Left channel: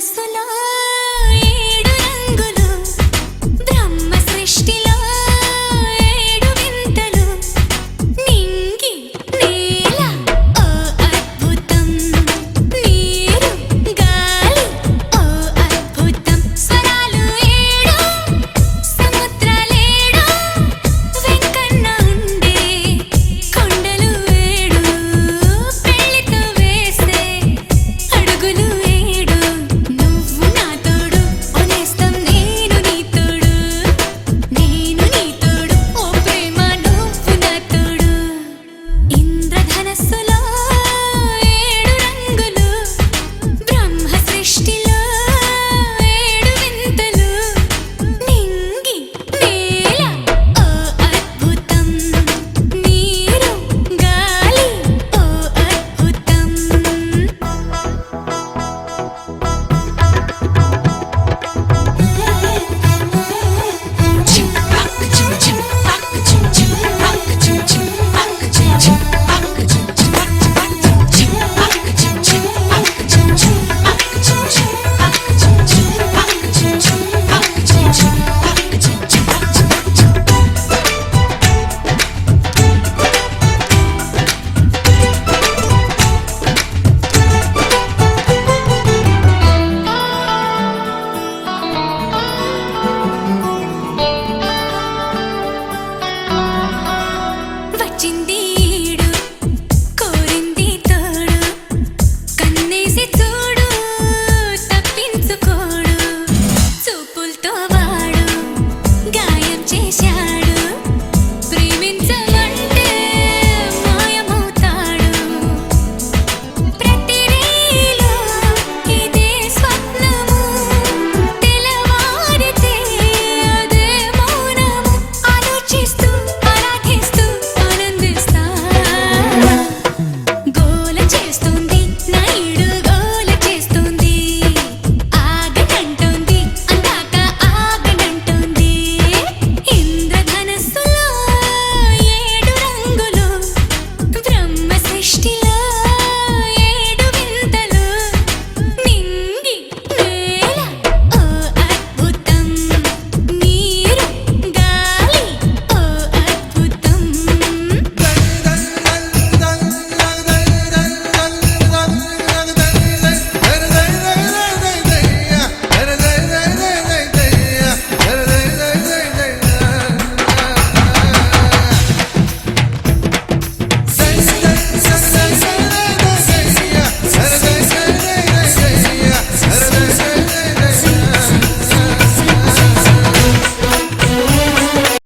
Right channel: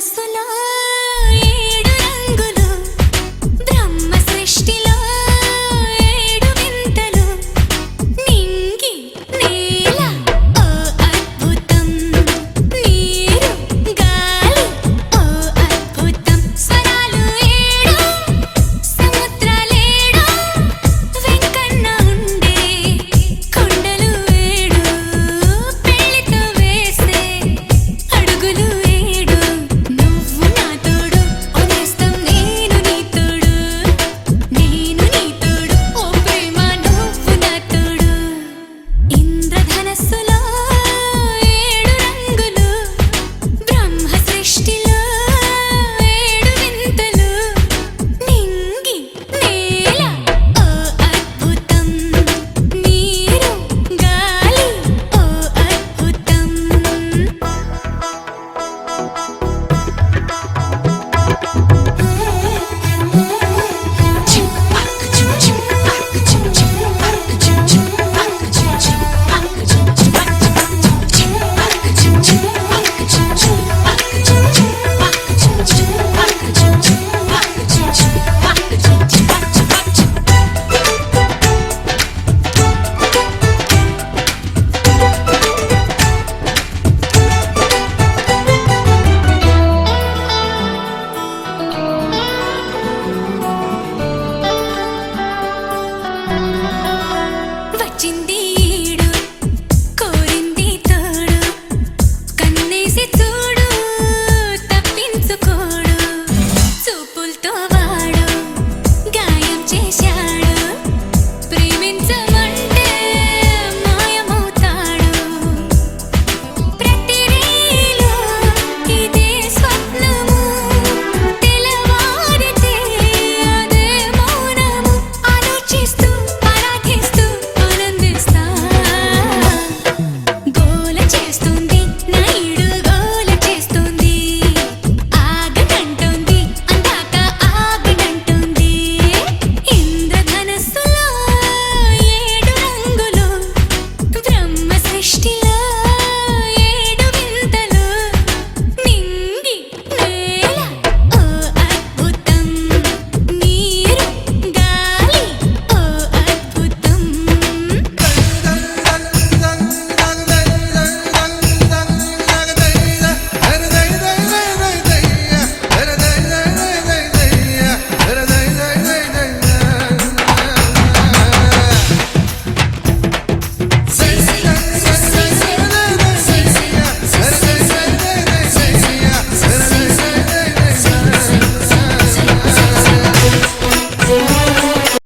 ఇంద్రధనస్సులో ఏడు రంగులు, బ్రహ్మ సృష్టిలో ఏడు వింతలు, నింగి నేల ఓ అద్భుతం, నీరు గాలి ఓ అద్భుతం, స్వరాలు ఏడు సముద్రాలేడు, వెంకన్న ఉండే కొండలు ఏడు, పెళ్లితో వేసే అడుగులు ఏడు, నువ్వు నా తోడు ఓనేస్తం, నేను నీ తోడు, నేను నీ తోడు ఓ ప్రేమ నువ్వు నా తోడు. ఇంద్రధనస్సులో ఏడు రంగులు, బ్రహ్మ సృష్టిలో ఏడు వింతలు, నింగి నేల ఓ అద్భుతం, నీరు గాలి ఓ అద్భుతం. వచ్చింది